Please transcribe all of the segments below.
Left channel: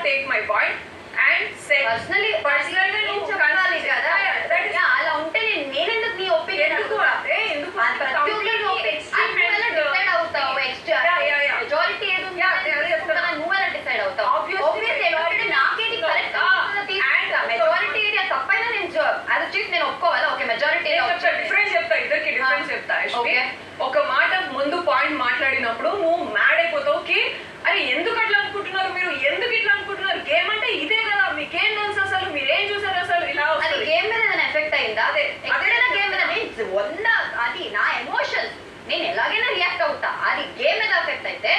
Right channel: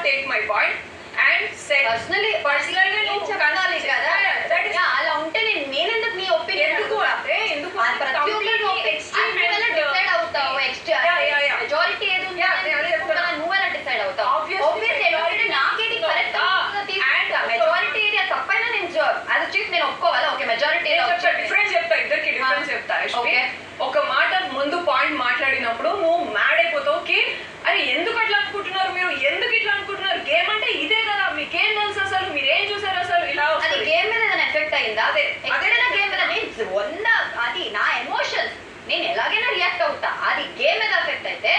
not take my point and said personally నేను చెప్పాలి కదా అలా ఉంటే నేను ఎందుకు నీ ఒపీనియన్ ఎందుకు అంటే ఎందుకు ప్రతి ఒక్కరు డిసైడ్ అవుతావు మెజారిటీ ఏది నువ్వు ఎలా డిసైడ్ అవుతావు ఆబ్వియస్లీ నాకేది కరెక్ట్ మెజారిటీ ఏరియా తప్పైనా నేను అది చీఫ్ నేను ఒప్పుకోవాలి ఓకే మెజారిటీ డిఫరెన్స్ చెప్తా ఇద్దరికి డిఫరెన్స్ చెప్తా ఒక మాట ముందు పాయింట్ మాట్లాడినప్పుడు నువ్వు మ్యాడ్ అయిపోతావు కి అరే ఎందుకు అట్లా అనుకుంటున్నారు మీరు ఎందుకు ఇట్లా అనుకుంటున్నారు గేమ్ అంటే ఇదే కదా మీకేం తెలుసు అసలు మీరేం చూసారు అసలు ఇలా అది గేమ్ మీద ఏదైనా ఎఫెక్ట్ అయిందా అదే ఎక్కడైనా గేమ్ మీద నేను అది నా ఎమోషన్స్ నేను ఎలాగైనా రియాక్ట్ అవుతా అది గేమ్ మీద ఎఫెక్ట్ అయితే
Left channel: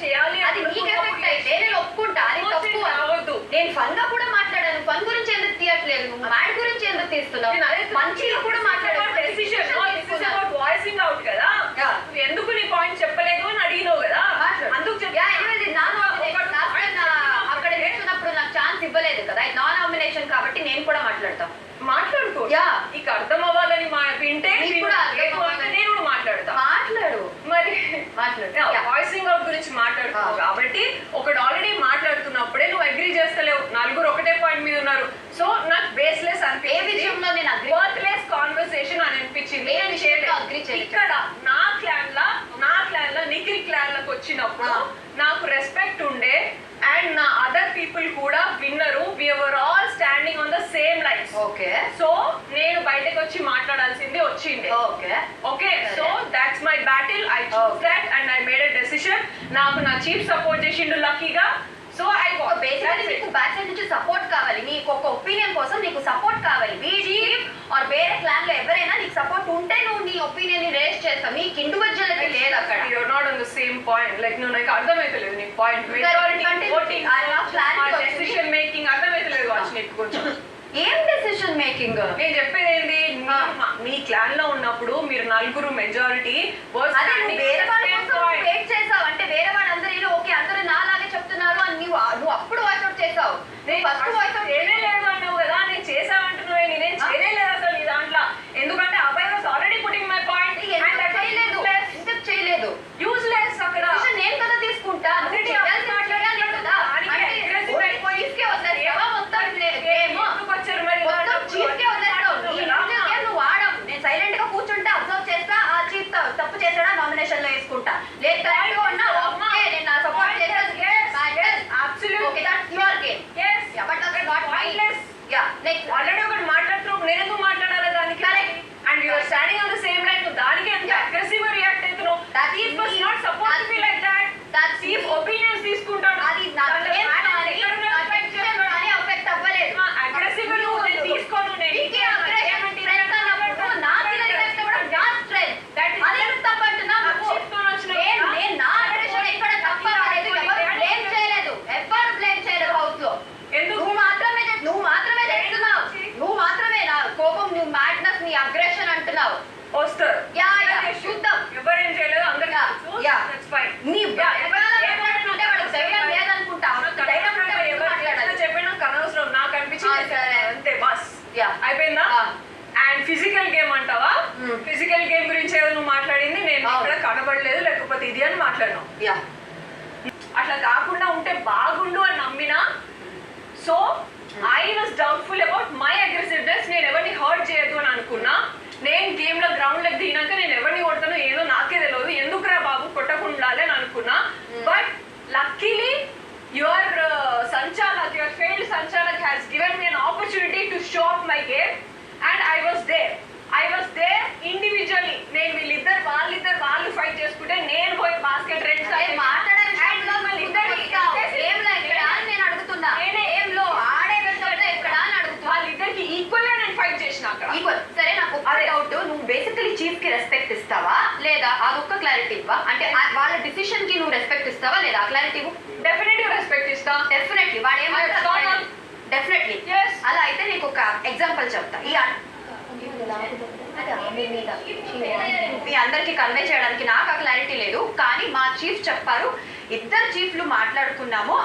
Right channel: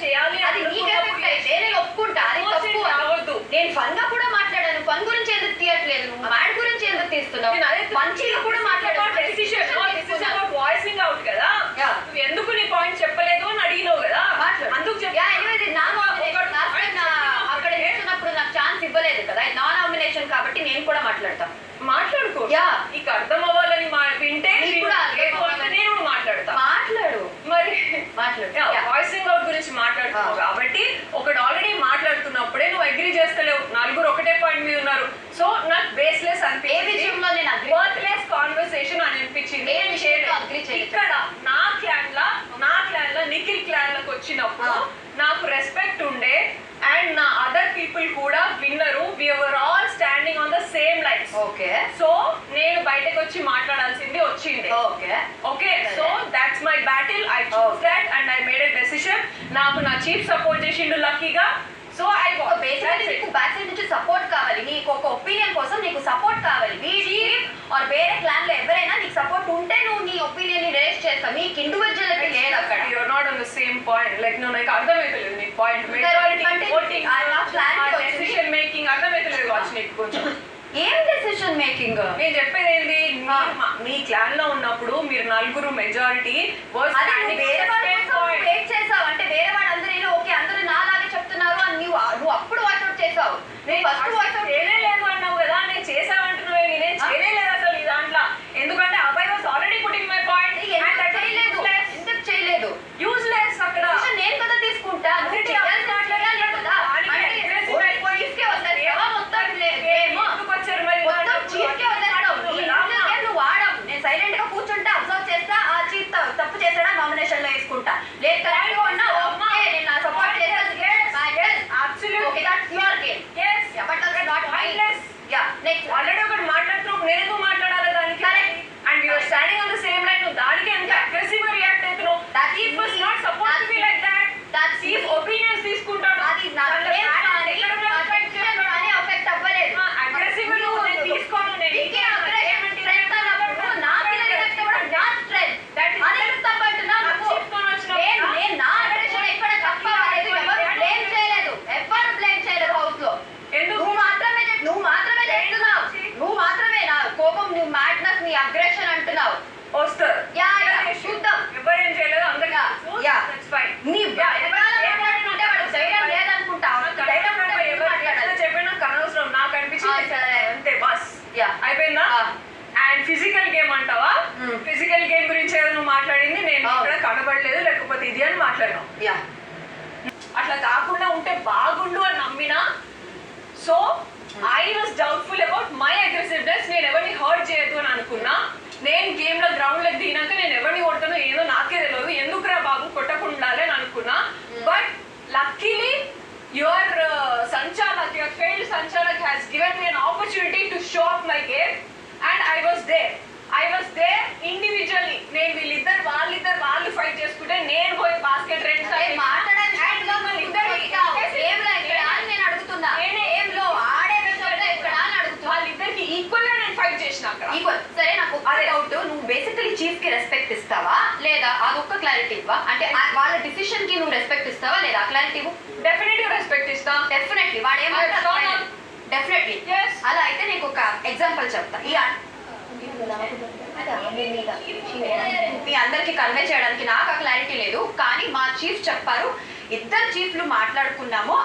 చేయాలి అది నీకు ఎఫెక్ట్ అయితే నేను ఒప్పుకుంటా అది తప్పు రావద్దు నేను ఫన్ గా కూడా మాట్లాడాను ఫన్ గురించి ఎందుకు తీయట్లేదు నువ్వు మ్యాడ్ గురించి ఎందుకు తీస్తున్నావు మంచిగా కూడా మాట్లాడాను వాయిసింగ్ అవుట్ కదా ఎందుకు నీ పాయింట్ చెప్పలేదు అని అడిగినావు కదా అందుకు అక్కడ చూసినప్పుడు నాకు ఛాన్స్ ఇవ్వలేదు కదా నాన్ నామినేషన్ కాబట్టి నేను కూడా మాట్లాడతాను మాట్లాడుకో నీకు అర్థం అవ్వాలని వింటే నేను మాట్లాడతా మాట్లాడు మరి వాయిసింగ్ అవుట్ గురించి మాట్లాడుతున్నావు కాబట్టి ఒకటి ఆల్రెడీ మాట్లాడుతున్నప్పుడే నువ్వు అగ్రీ చేస్తలేవు నలుగురు ఒకటే పాయింట్ మీద ఉన్నారు సో నాకు బేస్లెస్ అనిపించింది వర్త్లెస్ కాన్వర్సేషన్ అని అనిపించింది ఇక్కడ నా క్లాన్ లా నిఖిల్ క్లాన్ లకు వచ్చినప్పుడు నాకు రెస్పెక్ట్ ఉండే అండ్ నా అదర్ పీపుల్ కూడా విన్నరు we were all standing on the same lines okay so నేను బయటకు వచ్చి మాట్లాడాల్సింది వచ్చింది okay so that's my battle I choose that and I made a decision నాకు నా చీఫ్ సపోర్ట్ చేసిండు లక్కీగా సో ఐ బేసికల్లీ నీకు బ్యాక్ సైడ్ నుంచి సపోర్ట్ కావాలి నీకు ఒక ఒపీనియన్ కోసం నీకు సపోర్ట్ కావాలి చీఫ్ ఆర్ వేరే క్లాన్ లో ఎవరైనా నీకు సపోర్ట్ ఉంటే నువ్వు నీ ఒపీనియన్ ని రేస్ చేస్తావు నీకు ఇండివిజువల్ లేదు అక్కడ you are not on the same point like నువ్వు నాకు అర్థమైతలేదు నీ point majority voting decision making అర్థమైతలేదు వాచ్ నీకు కొంచెం ఏం డెసిషన్ మేకింగ్ నేను చెప్పేది ఏంది మీ క్లాన్ లో ఉన్నప్పుడు మీరు నలుగురు మెజారిటీ వెయిట్ చేసావు అంటే వేరే వాళ్ళందరూ ఓకే అందరూ నాలాగే చెప్తున్నారు అని నువ్వు అప్పుడు వాయిస్ అవుట్ చేసావు నేను ఫస్ట్ వాయిస్ అవుట్ చేయలేదు అన్నావు కదా నేను చేసావంటున్నావే నేనేం చేయలేదు అసలు ఈ దాంట్లో ఎందుకంటే అబ్బాయి was already putting my point చేయలేదు ఎందుకు చేయలేదు యూజ్లెస్ అక్కడ నేను కదా తీసుకుంటా నువ్వు ఆడవు నేను సైలెంట్ గా కూర్చుంటా అబ్జర్వ్ చేస్తా ఆ చీఫ్ తప్పు చేసాడా నామినేషన్ లో వేసుకుంటా లేదు కరెక్ట్ గా ఉన్నా ఓకే నేను నా సపోర్ట్ చేస్తాను ఆల్రెడీ ఒకటి మాట్లాడుతున్నావు నేను ఎందుకు మాట్లాడాలి దానికి and you are standing on the same line నువ్వు దానికి ఎంత అగ్రెసివ్ గా రియాక్ట్ అవుతున్నావు that is was not supposed to be like that chief opinions తీసుకుంటాడు అది అఫెక్ట్ అవ్వలేదు అగ్రెసివ్ నువ్వు నేను తీసుకోను నేను మ్యాడ్నెస్ నీ అగ్రెషన్ అంటున్నావు వస్తారు చూద్దాం ఎవరేం చేయలేదు అందరికీ చెప్పిన అనవసరం నాకు అనిపించింది అంతే బస్ అయిపోయిందా అండ్ ఫిజికల్ గేమ్ అంటావా ఫిజికల్ గేమ్ గురించి ఏదో నువ్వు మాట్లాడింది నేను ఇక్కడ కనబడలేదు లేకపోతే ఇది అని మాట్లాడినావు అట్లా కాకుండా ఉంటే బాగుండు అని నమ్మినా so I was doubtful about my aggressiveness నేను ఎవరిని హర్ట్ చేయొద్దు అని అనుకున్నా నేను గేమ్ లో గ్రౌండ్ లెక్ దిగినాక నేను ఎవరిని కొడతానో ఏదో నాకే తెలియదు ఎందుకురా బాబు కొట్టకుండా అని అనుకున్నా but luckily your sanchalak your failed sanchalak has given me an opportunity to show off my game and I was there individually నేను వాళ్ళిద్దరు వాళ్ళు ఫైట్ చేసుకుంటే నేను పోయి బాస్కెట్ రెండు నేను అడుగుతున్నా వాళ్ళిద్దరికి ఈక్వల్ గా నేను ఫైట్ చేసిన ఈక్వల్ సరే నాకు అదే డౌట్ నువ్వు బేసికలీ చీఫ్ కి రెస్పెక్ట్ ఇస్తావా లేదా అదొక్క క్లారిటీ ఇవ్వా అంటే వాళ్ళ డిసిషన్ కి నువ్వు రెస్పెక్ట్ ఇస్తావా లేదా క్లారిటీ ఇవ్వు డెఫినెట్లీ రెస్పెక్ట్ ఇస్తా డెఫినెట్లీ వాడు ఏమంటారు డెఫినెట్లీ అలా అయితే నీకు ఒక ఎగ్జాంపుల్ చెప్తా మీ అందరికి కన్వే చేయడానికి నాకు ఆ క్లారిటీ లేదు కానీ మా చీఫ్ చెప్పారు ఇద్దరు చీఫ్లు మాట్లాడుకున్నాము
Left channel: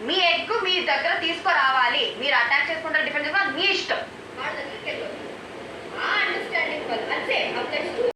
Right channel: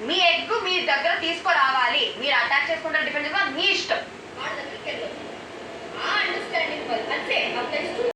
మీ ఎగ్ మీ దగ్గర తీసుకురావాలి మీరు అటాక్ చేసుకుంటారు డిఫెండ్ మీ ఇష్టం అండర్స్టాండింగ్